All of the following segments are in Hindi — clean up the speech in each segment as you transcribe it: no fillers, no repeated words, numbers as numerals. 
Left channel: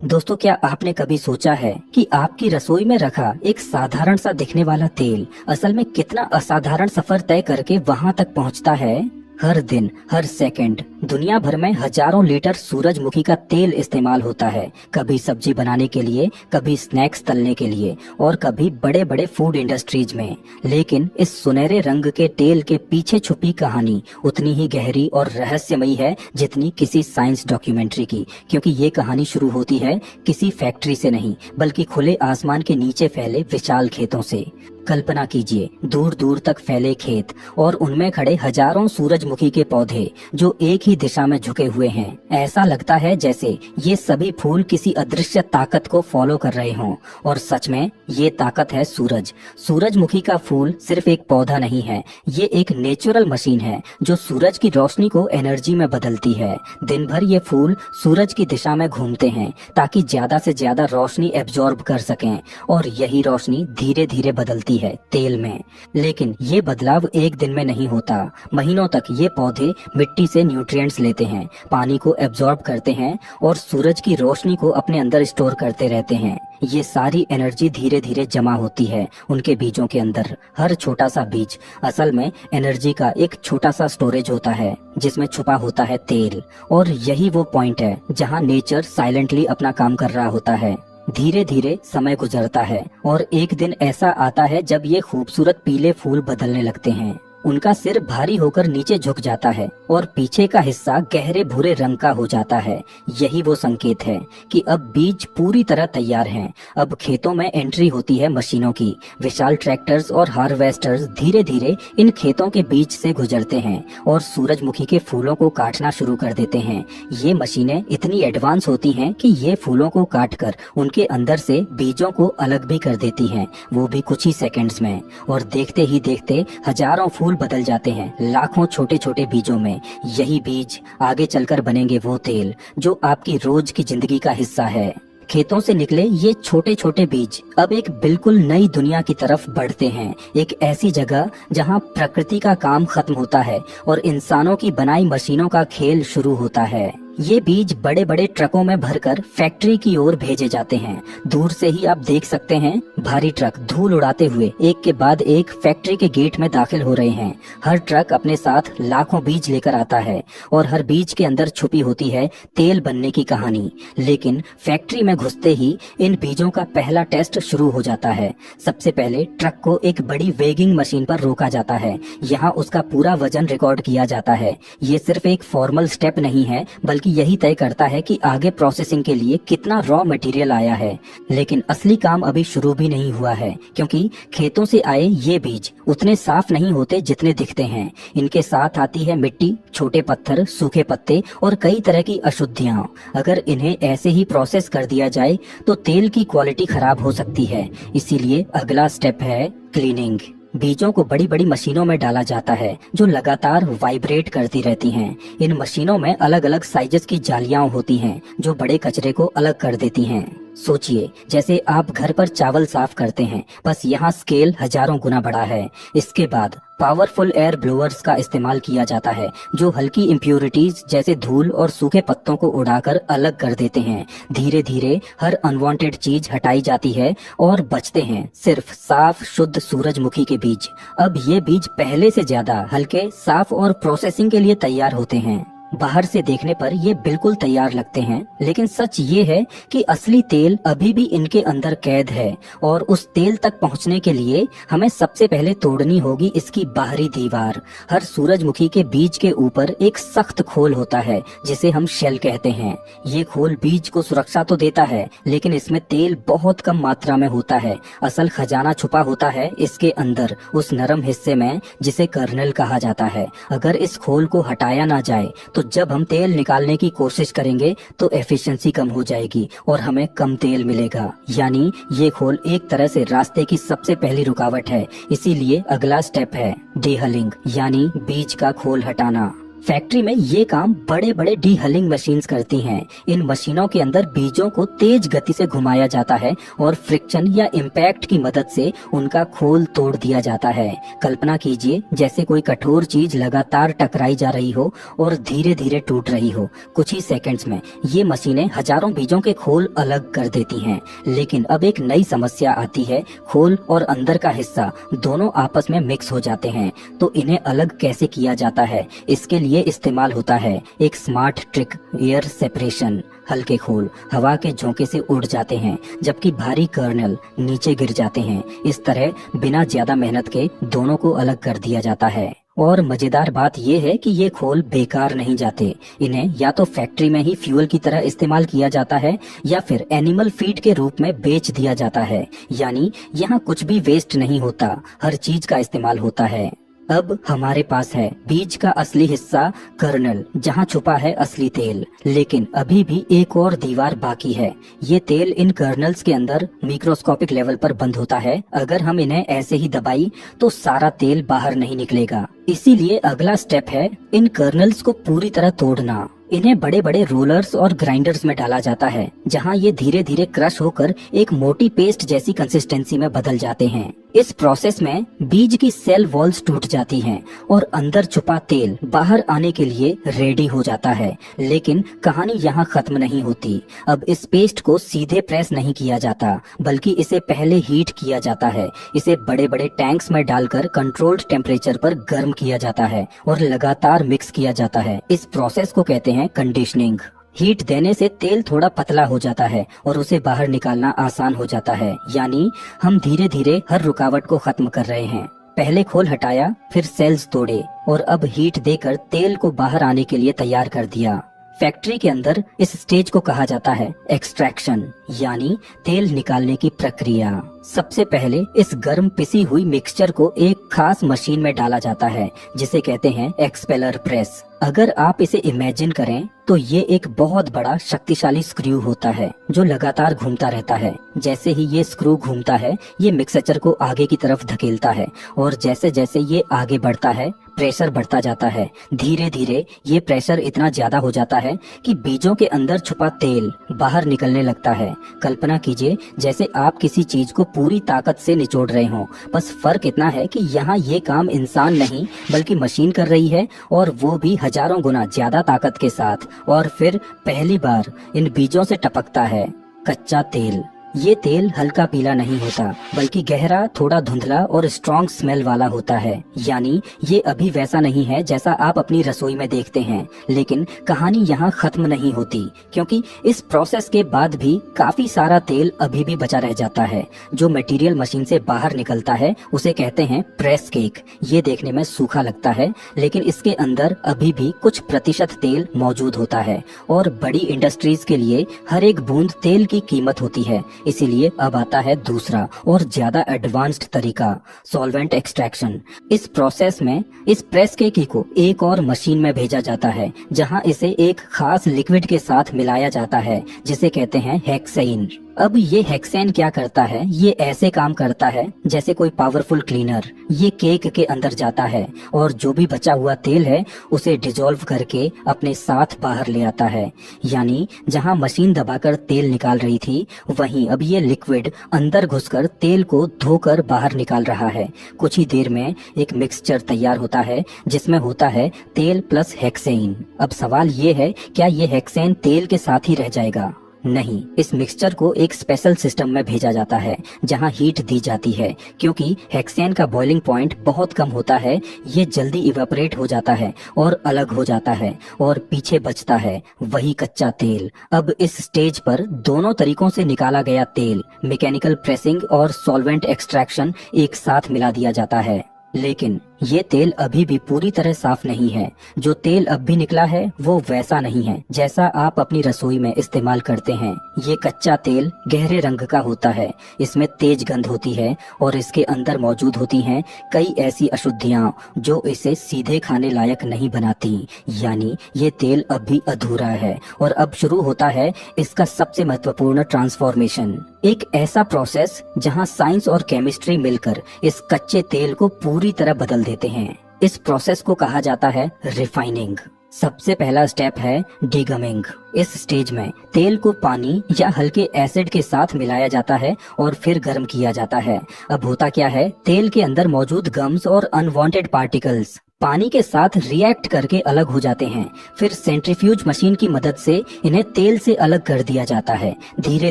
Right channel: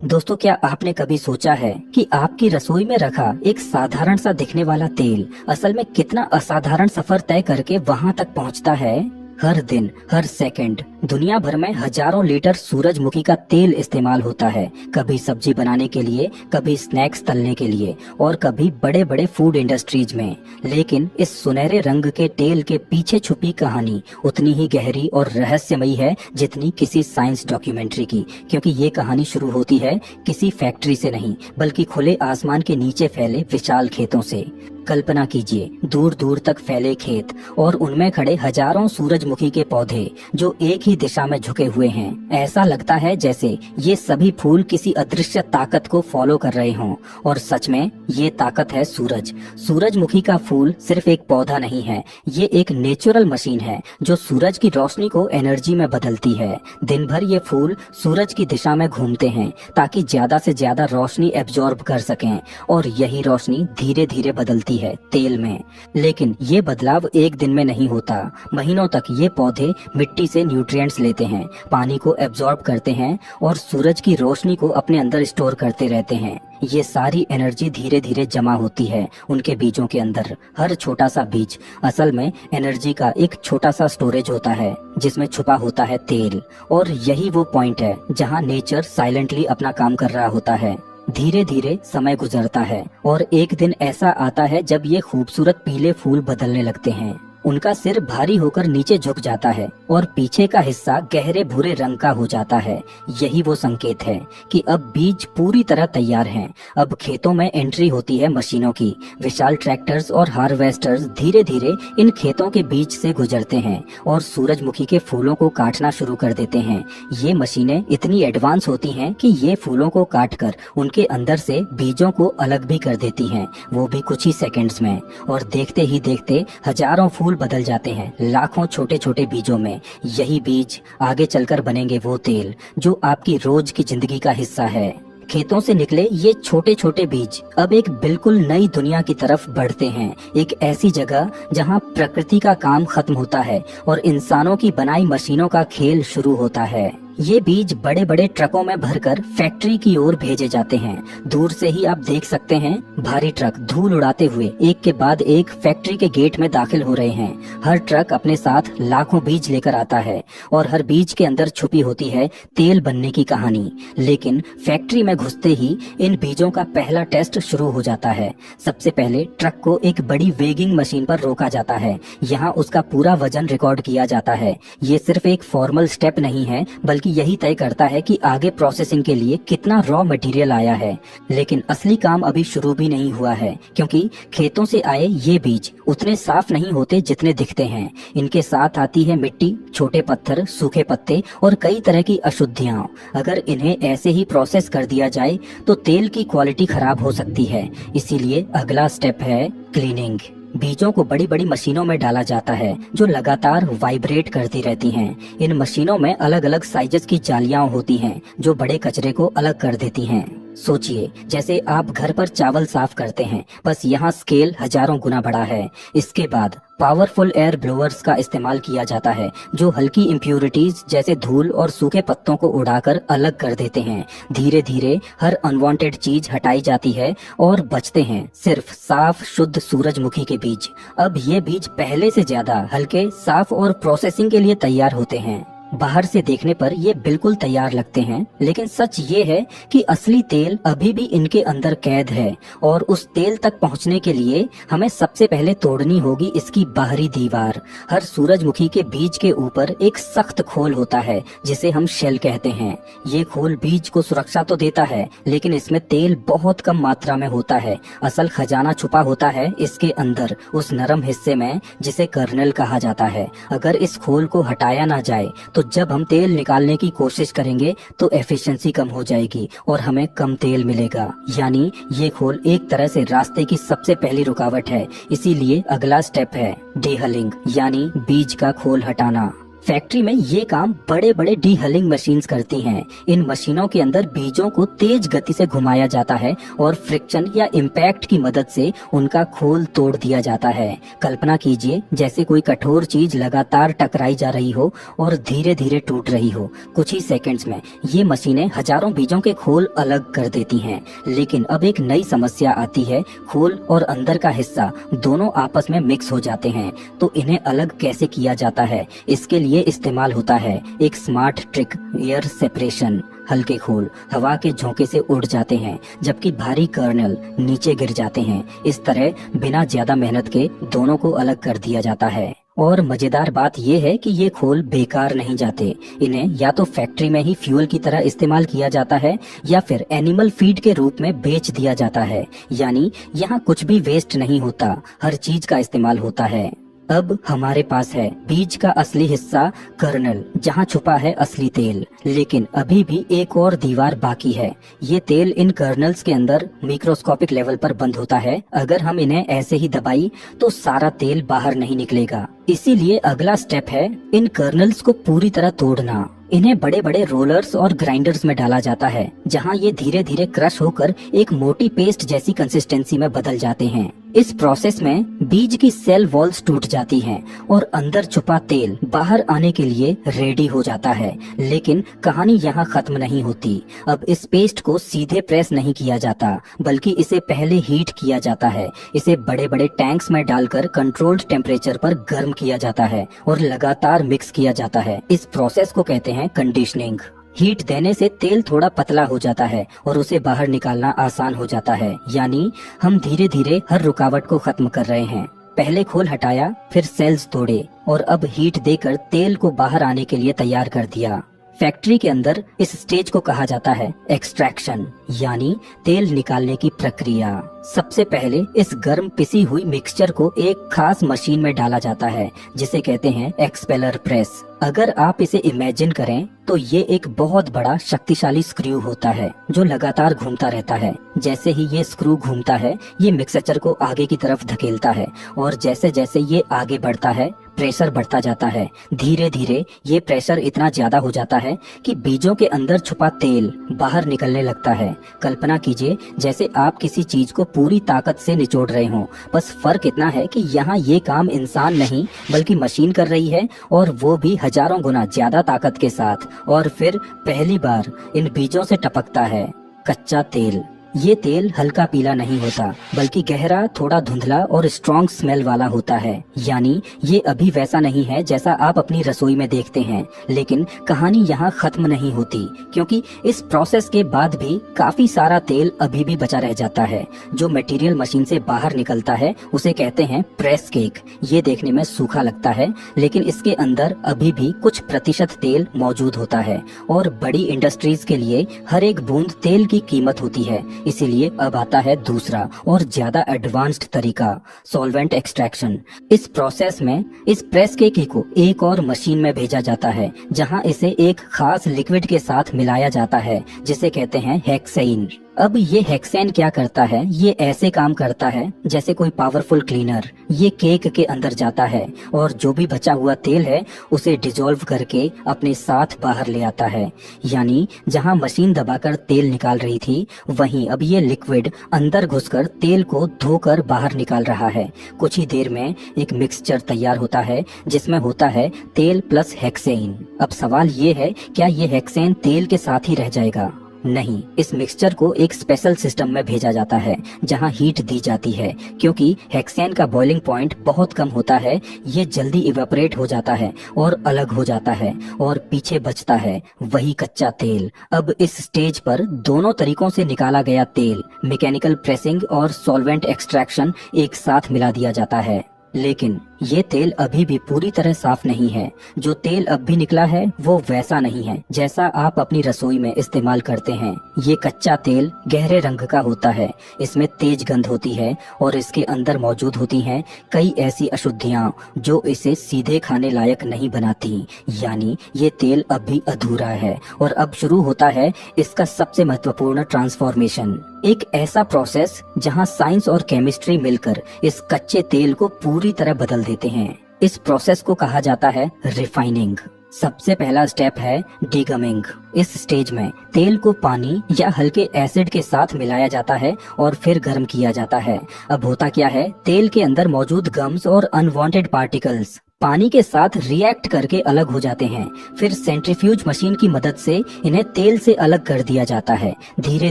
दोस्तों, क्या आपने कभी सोचा है कि आपकी रसोई में रखा एक साधारण सा दिखने वाला तेल असल में कितना असाधारण सफर तय करके वहां तक पहुंचता है। हर दिन हर सेकंड दुनिया भर में हजारों लीटर सूरजमुखी का तेल इस्तेमाल होता है। कभी सब्जी बनाने के लिए, कभी स्नैक्स तलने के लिए और कभी बड़े बड़े फूड इंडस्ट्रीज में। लेकिन इस सुनहरे रंग के तेल के पीछे छुपी कहानी उतनी ही गहरी और रहस्यमयी है जितनी किसी साइंस डॉक्यूमेंट्री की, क्योंकि ये कहानी शुरू होती है किसी फैक्ट्री से नहीं बल्कि खुले आसमान के नीचे फैले विशाल खेतों से। कल्पना कीजिए, दूर दूर तक फैले खेत और उनमें खड़े हजारों सूरजमुखी के पौधे जो एक ही दिशा में झुके हुए हैं। ऐसा लगता है जैसे ये सभी फूल किसी अदृश्य ताकत को फॉलो कर रहे हों। और सच में ये ताकत है सूरज। सूरजमुखी का फूल सिर्फ एक पौधा नहीं है, ये एक नेचुरल मशीन है जो सूरज की रोशनी को एनर्जी में बदलती है। दिन भर ये फूल सूरज की दिशा में घूमते हैं ताकि ज्यादा से ज्यादा रोशनी एब्जॉर्ब कर सकें, और यही रोशनी धीरे धीरे बदलती है तेल में। लेकिन ये बदलाव एक दिन में नहीं होता। महीनों तक ये पौधे मिट्टी से न्यूट्रिएंट्स लेते हैं, पानी को एब्जॉर्ब करते हैं और सूरज की रोशनी को अपने अंदर स्टोर करते रहते हैं। ये सारी एनर्जी धीरे धीरे जमा होती है उनके बीजों के अंदर। हर छोटा सा बीज असल में एनर्जी का एक छोटा सा स्टोरेज होता है जिसमें छुपा होता है तेल। और यही वो पॉइंट है जहाँ नेचर साइलेंटली अपना काम कर रहा होता है। धीरे धीरे समय गुजरता है और एक दिन ऐसा आता है जब ये खूबसूरत पीले फूल बदलने लगते हैं। उनका सिर भारी होकर नीचे झुक जाता है और पीछे का हिस्सा गहरे भूरे रंग का हो जाता है। यही वो संकेत है कि अब बीज पूरी तरह तैयार हैं। अब खेतों में एंट्री होती है मशीनों की। विशाल ट्रैक्टर्स और हार्वेस्टर्स धीरे धीरे इन खेतों के बीच से गुजरते हैं और सूरजमुखी के फूलों को काटना शुरू कर देते हैं। ये मशीनें इतनी एडवांस होती हैं कि ये फूलों को काटकर उनके अंदर से बीजों को अलग भी कर देती हैं, वो भी कुछ ही सेकंड्स में। और देखते ही देखते हजारों फूल बदल जाते हैं लाखों छोटे छोटे बीजों में। यही बीज आगे चलकर बनेंगे वो तेल जो आपकी रोज की जिंदगी का हिस्सा है। खेतों से निकले ये छोटे छोटे बीज अब एक बिल्कुल नई दुनिया की तरफ बढ़ते हैं। एक ऐसी जगह जहां प्रकृति का काम खत्म होता है और इंसानों की बनाई मशीनों का खेल शुरू होता है। ये बीज बड़े बड़े ट्रकों में भरकर फैक्ट्री की ओर भेजे जाते हैं। दूर से ही आप देख सकते हैं भारी ट्रक धूल उड़ाते हुए एक के बाद एक फैक्ट्री के गेट में दाखिल हो रहे हैं। हर ट्रक अपने साथ लाखों बीज लेकर आता है और हर बीज के अंदर छुपी होती है तेल बनने की कहानी। लेकिन फैक्ट्री में घुसते ही इन बीजों का पहला टेस्ट शुरू हो जाता है। सबसे पहले ट्रक को एक बड़ी वेगिंग मशीन पर रोका जाता है। यहाँ उसका पूरा वजन रिकॉर्ड किया जाता है। ये सिर्फ एक फॉर्मल स्टेप नहीं है बल्कि यही तय करता है कि आगे प्रोसेसिंग के लिए कितना रॉ मटेरियल आया है। लेकिन असली काम अभी शुरू भी नहीं हुआ है, क्योंकि खेतों से आए ये बीज उतने साफ नहीं होते जितने दिखते हैं। इनके साथ आती है मिट्टी, छोटे पत्थर, सूखे पत्ते और कई तरह की अशुद्धियां। अगर इन्हें ऐसे ही प्रोसेस कर दिया जाए तो तेल की क्वालिटी खराब हो सकती है। इसीलिए अगला स्टेप है क्लीनिंग। बीजों को बड़ी बड़ी मशीनों में डाला जाता है जो लगातार वाइब्रेट करती रहती हैं। इन मशीनों में अलग अलग साइजेस की जालियां होती हैं जो बड़े कचरे को अलग कर देती हैं। सोचिए, जैसे आप घर पर चावल साफ करते हैं, बस यहाँ स्केल हजारों गुना बड़ा है। इसके बाद पावरफुल एयर ब्लोअर्स का इस्तेमाल किया जाता है जो हल्की इम्प्योरिटीज जैसे धूल और सूखे पत्तों को उड़ाकर अलग कर देते हैं। धीरे धीरे हर अनवांटेड चीज हटाई जाती है और बचते हैं सिर्फ साफ शुद्ध सूरजमुखी के बीज। अब ये बीज पहले से ज्यादा हल्के, साफ और प्रोसेसिंग के लिए तैयार होते हैं। बाहर से देखने पर ये बिल्कुल तैयार लगते हैं, लेकिन सच ये है कि असली तेल अभी भी इनके अंदर कैद है। और उस तेल तक पहुंचने के लिए हमें सबसे पहले तोड़नी होगी इसकी बाहरी दीवार। हर सूरजमुखी के बीज के ऊपर एक सख्त खोल होता है जिसे हम शेल कहते हैं। ये खोल बीज को सुरक्षा तो देता है, लेकिन इसमें तेल बहुत कम मात्रा में होता है। असल खजाना छुपा होता है इसके अंदर, उस नरम हिस्से में जिसे कर्नल कहा जाता है। अगर इस खोल को हटाया ना जाए तो जब हम तेल निकालने की कोशिश करेंगे तो एफिशिएंसी कम हो जाएगी और हमें कम तेल मिलेगा। यानी ये खोल एक तरह से रास्ते की सबसे पहली रुकावट है। इसीलिए अगला स्टेप है डीहलिंग, यानी बीज का खोल हटाना। फैक्ट्री में ये काम बड़े बड़े डीहलिंग मशीन्स करती हैं। इन मशीनों के अंदर बीजों को तेज गति से घुमाया जाता है और फ्रिक्शन या इम्पैक्ट की मदद से उनका खोल तोड़ दिया जाता है। कल्पना कीजिए जैसे कोई कठोर चीज लगातार टकराई जा रही हो और धीरे धीरे टूट रही हो। कुछ ही सेकंड्स में ये मशीनें हजारों बीजों के खोल अलग कर देती हैं। लेकिन अब एक नई समस्या आती है, खोल और अंदर का हिस्सा दोनों आपस में मिक्स हो जाते हैं। तो इन्हें अलग कैसे किया जाता है? इसके लिए इस्तेमाल होता है एक स्मार्ट ट्रिक, एयर सेपरेशन। हल्के खोल हवा के झोंके से उड़ जाते हैं जबकि भारी कर्नल नीचे गिर जाते हैं। इस तरह बिना ज्यादा मेहनत के दोनों को अलग कर दिया जाता है। और मजेदार बात यह है कि ये खोल बेकार नहीं जाते। इन्हें या तो फैक्ट्री में ही फ्यूल की तरह इस्तेमाल किया जाता है या फिर एनिमल फीड के रूप में बेच दिया जाता है। यानी यहाँ कुछ भी वेस्ट नहीं होता, हर चीज का इस्तेमाल होता है। अब हमारे पास है बीज का असली हिस्सा, कर्नल, जहाँ छुपा है असली तेल। लेकिन अभी भी एक और दीवार बाकी है। ये तेल इन कर्नल्स के अंदर मिक्रोस्कोपिक लेवल पर बंद होता है। अगर हम इन्हें ऐसे ही दबाई तो सारा तेल बाहर नहीं निकलेगा। इसीलिए अगला स्टेप है इन कर्नल्स को पूरी तरह तोड़ना। इन्हें बड़े बड़े रोलर्स और ग्राइंडर्स में डाला जाता है जहां ये धीरे धीरे क्रश होकर एक मोटी पेस्ट जैसी कंसिस्टेंसी में बदल जाते हैं। इस प्रोसेस में बीज की सेल वॉल्स टूट जाती हैं और अंदर छुपा तेल बाहर आने के लिए रेडी हो जाता है। लेकिन कहानी यहाँ खत्म नहीं होती। अब इस पेस्ट को सीधे प्रेस नहीं किया जाता, बल्कि इसे पहले हीट किया जाता है। इसे बड़े बड़े टैंक्स में डालकर कंट्रोल्ड टेम्परेचर पर गर्म किया जाता है और लगातार मिक्स किया जाता है। इस प्रोसेस को कहते हैं कंडीशनिंग। हीट देने से तेल थोड़ा पतला हो जाता है और उसे बाहर निकालना आसान हो जाता है। यानी हम धीरे धीरे हर रुकावट को खत्म कर रहे हैं। पहले खोल हटाया, फिर सेल्स तोड़े और अब हीट देकर तेल को बाहर आने के लिए तैयार कर दिया। फैक्ट्री के अंदर इस स्टेज को कहा जाता है एक्सट्रैक्शन, यानी तेल निकालने की प्रक्रिया। सबसे पहले इस गर्म पिसी हुई मिक्सचर को एक खास मशीन में डाला जाता है जिसे कहते हैं एक्सपेलर प्रेस। अगर आप इसे इमेजिन करें तो ये एक बहुत बड़ा शक्तिशाली स्क्रू होता है जो लगातार घूमता रहता है। जैसे ही ये स्क्रू घूमता है, ये मिक्सचर को आगे की तरफ धकेलता है और जैसे जैसे ये आगे बढ़ता है, प्रेशर बढ़ता जाता है। धीरे धीरे ये प्रेशर इतना ज्यादा हो जाता है कि बीजों के अंदर छुपा तेल बाहर निकलने लगता है। कल्पना कीजिए जैसे आप किसी चीज को पूरी ताकत से निचोड़ रहे हो। बस फर्क इतना है कि यहाँ ये काम इंसान नहीं बल्कि मशीन कर रही है, और वो भी हजारों गुना ज्यादा ताकत के साथ। और फिर पहली बार इन बीजों से टपकता है कच्चा तेल। ये तेल हल्का पीला नहीं होता बल्कि गहरा, थोड़ा धुंधला और स्ट्रॉन्ग स्मेल वाला होता है। यानी ये अभी वैसा नहीं है जैसा आप अपनी रसोई में देखते हैं। लेकिन कहानी यहाँ खत्म नहीं होती, क्योंकि इस प्रोसेस के बाद भी काफी सारा तेल अभी भी बचा रह जाता है। जो मटेरियल मशीन से बाहर निकलता है उसे कहते हैं प्रेस केक। ये देखने में सूखा लगता है, लेकिन इसके अंदर अभी भी कुछ प्रतिशत तेल मौजूद होता है। और बड़ी इंडस्ट्रीज के लिए हर एक बूंद तेल की कीमत होती है। इसीलिए अब आता है दूसरा और ज्यादा एडवांस्ड तरीका, सॉल्वेंट एक्सट्रैक्शन। इस प्रोसेस में इस प्रेस केक को एक और मशीन में भेजा जाता है जहां इसे एक खास लिक्विड के साथ मिलाया जाता है जिसे कहते हैं हेक्सेन। अब ये हेक्सेन क्या करता है? ये ऐसे काम करता है जैसे कोई पावरफुल क्लीनर। ये केक के अंदर जाता है और जो भी बचा हुआ तेल है उसे डिजोल्व करके अपने साथ बाहर ले आता है। यानी जहां मशीन दबाकर तेल निकाल रही थी, वहीं अब ये लिक्विड अंदर घुसकर तेल को धोकर बाहर निकाल रहा है। कुछ ही देर में एक मिक्सचर तैयार होता है जिसमें होता है तेल प्लस हेक्सेन। अब सवाल ये है, क्या ये हेक्सेन तेल के साथ ही रह जाएगा? नहीं, इस मिक्सचर को एक स्पेशल सिस्टम में भेजा जाता है जहां हीट दी जाती है। क्योंकि हेक्सेन का बॉइलिंग पॉइंट बहुत कम होता है, ये जल्दी इवेपोरेट हो जाता है और अलग हो जाता है, और पीछे बचता है वही कच्चा तेल। अब इस स्टेज पर दोनों तरीकों से निकाला गया तेल, मैकेनिकल प्रेसिंग और सॉल्वेंट एक्सट्रैक्शन, एक साथ मिला दिया जाता है। लेकिन ये तेल अभी भी पूरी तरह साफ नहीं है। जो तेल अब भी निकला है वो वैसा नहीं है जैसा आप अपनी रसोई में इस्तेमाल करते हैं। ये कच्चा तेल गहरे रंग का होता है, इसमें तेज गंध होती है और इसके अंदर मौजूद होती हैं कई ऐसी अशुद्धियां जो इसे सीधे खाने लायक नहीं बनाती। यानी ये तेल अब भी अधूरा है। और अब शुरू होता है इसका सबसे महत्वपूर्ण ट्रांसफॉर्मेशन, एक ऐसा प्रोसेस जहां साइंस और केमिस्ट्री मिलकर इस कच्चे तेल को पूरी तरह बदल देते हैं। इस प्रोसेस को कहा जाता है रिफाइनिंग। सबसे पहला स्टेप है डिगमिंग। इस स्टेज में तेल को पानी या हल्के एसिड के साथ मिलाया जाता है और फिर गर्म किया जाता है। अब होता क्या है, तेल के अंदर मौजूद गम्स और अनवांटेड पार्टिकल्स पानी के साथ रिएक्ट करके अलग हो जाते हैं। फिर सेंट्रीफ्यूज मशीन की मदद से इन्हें तेल से अलग कर दिया जाता है। धीरे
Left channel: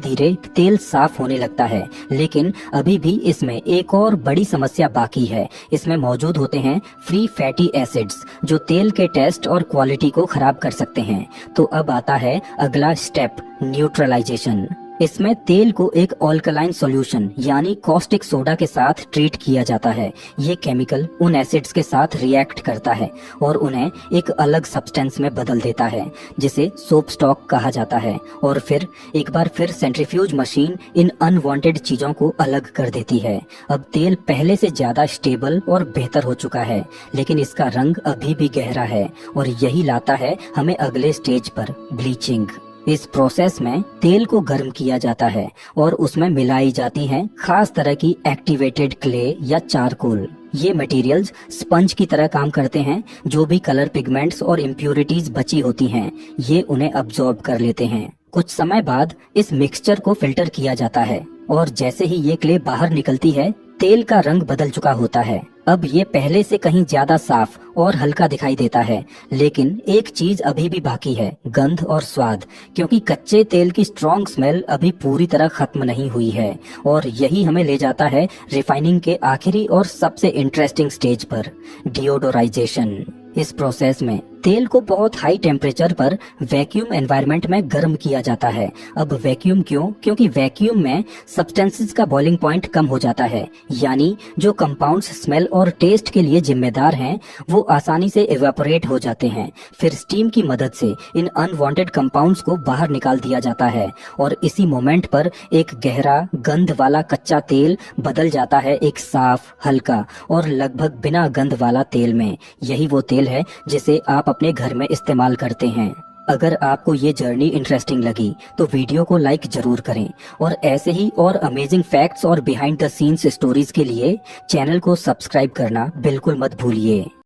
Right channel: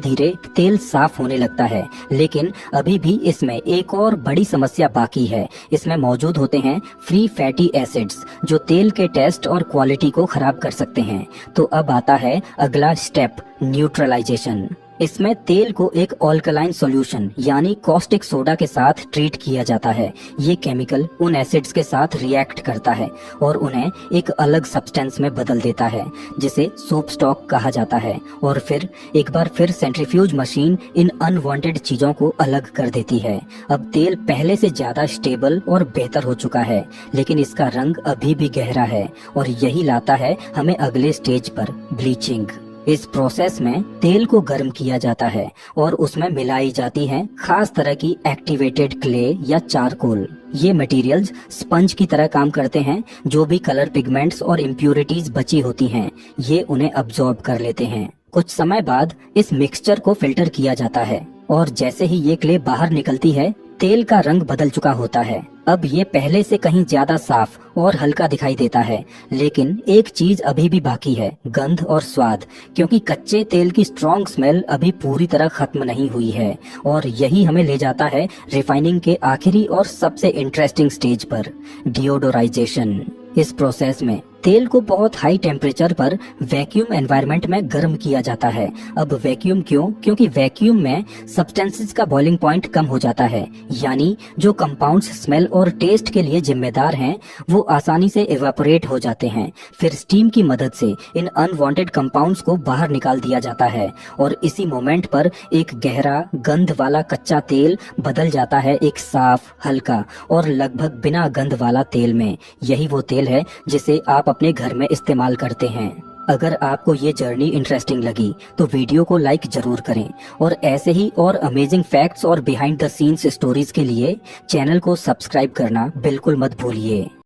धीरे तेल साफ होने लगता है, लेकिन अभी भी इसमें एक और बड़ी समस्या बाकी है। इसमें मौजूद होते हैं फ्री फैटी एसिड्स जो तेल के टेस्ट और क्वालिटी को खराब कर सकते हैं। तो अब आता है अगला स्टेप, न्यूट्रलाइजेशन। इसमें तेल को एक ऑल्कलाइन सॉल्यूशन यानी कॉस्टिक सोडा के साथ ट्रीट किया जाता है। ये केमिकल उन एसिड्स के साथ रिएक्ट करता है और उन्हें एक अलग सब्सटेंस में बदल देता है जिसे सोप स्टॉक कहा जाता है। और फिर एक बार फिर सेंट्रीफ्यूज मशीन इन अनवांटेड चीजों को अलग कर देती है। अब तेल पहले से ज्यादा स्टेबल और बेहतर हो चुका है, लेकिन इसका रंग अभी भी गहरा है और यही लाता है हमें अगले स्टेज पर, ब्लीचिंग। इस प्रोसेस में तेल को गर्म किया जाता है और उसमें मिलाई जाती हैं खास तरह की एक्टिवेटेड क्ले या चारकोल। ये मटेरियल्स स्पंज की तरह काम करते हैं। जो भी कलर पिगमेंट्स और इम्प्यूरिटीज बची होती हैं, ये उन्हें अब्सॉर्ब कर लेते हैं। कुछ समय बाद इस मिक्सचर को फिल्टर किया जाता है और जैसे ही ये क्ले बाहर निकलती है, तेल का रंग बदल चुका होता है। अब ये पहले से कहीं ज्यादा साफ और हल्का दिखाई देता है, लेकिन एक चीज अभी भी बाकी है, गंध और स्वाद, क्योंकि कच्चे तेल की स्ट्रॉन्ग स्मेल अभी पूरी तरह खत्म नहीं हुई है। और यही हमें ले जाता है रिफाइनिंग के आखिरी और सबसे इंटरेस्टिंग स्टेज पर, डिओडोराइजेशन। इस प्रोसेस में तेल को बहुत हाई टेम्परेचर पर वैक्यूम एनवायरनमेंट में गर्म किया जाता है। अब वैक्यूम क्यों? क्योंकि वैक्यूम में सब्सटेंसेस का बॉइलिंग पॉइंट कम हो जाता है, यानी जो कंपाउंड्स स्मेल और टेस्ट के लिए जिम्मेदार हैं वो आसानी से इवेपोरेट हो जाते हैं। फिर स्टीम की मदद से इन अनवांटेड कंपाउंड्स को बाहर निकाल दिया जाता है और इसी मोमेंट पर एक गहरा गंध वाला कच्चा तेल बदल जाता है एक साफ, हल्का और लगभग बिना गंध वाला तेल में। यही वो तेल है जिसे आप अपने घर में इस्तेमाल करते हैं। अगर आपको ये जर्नी इंटरेस्टिंग लगी तो वीडियो को लाइक जरूर करें और ऐसे ही और अमेजिंग फैक्ट्स और बिहाइंड द सीन्स स्टोरीज के लिए चैनल को सब्सक्राइब करना बिल्कुल मत भूलिए।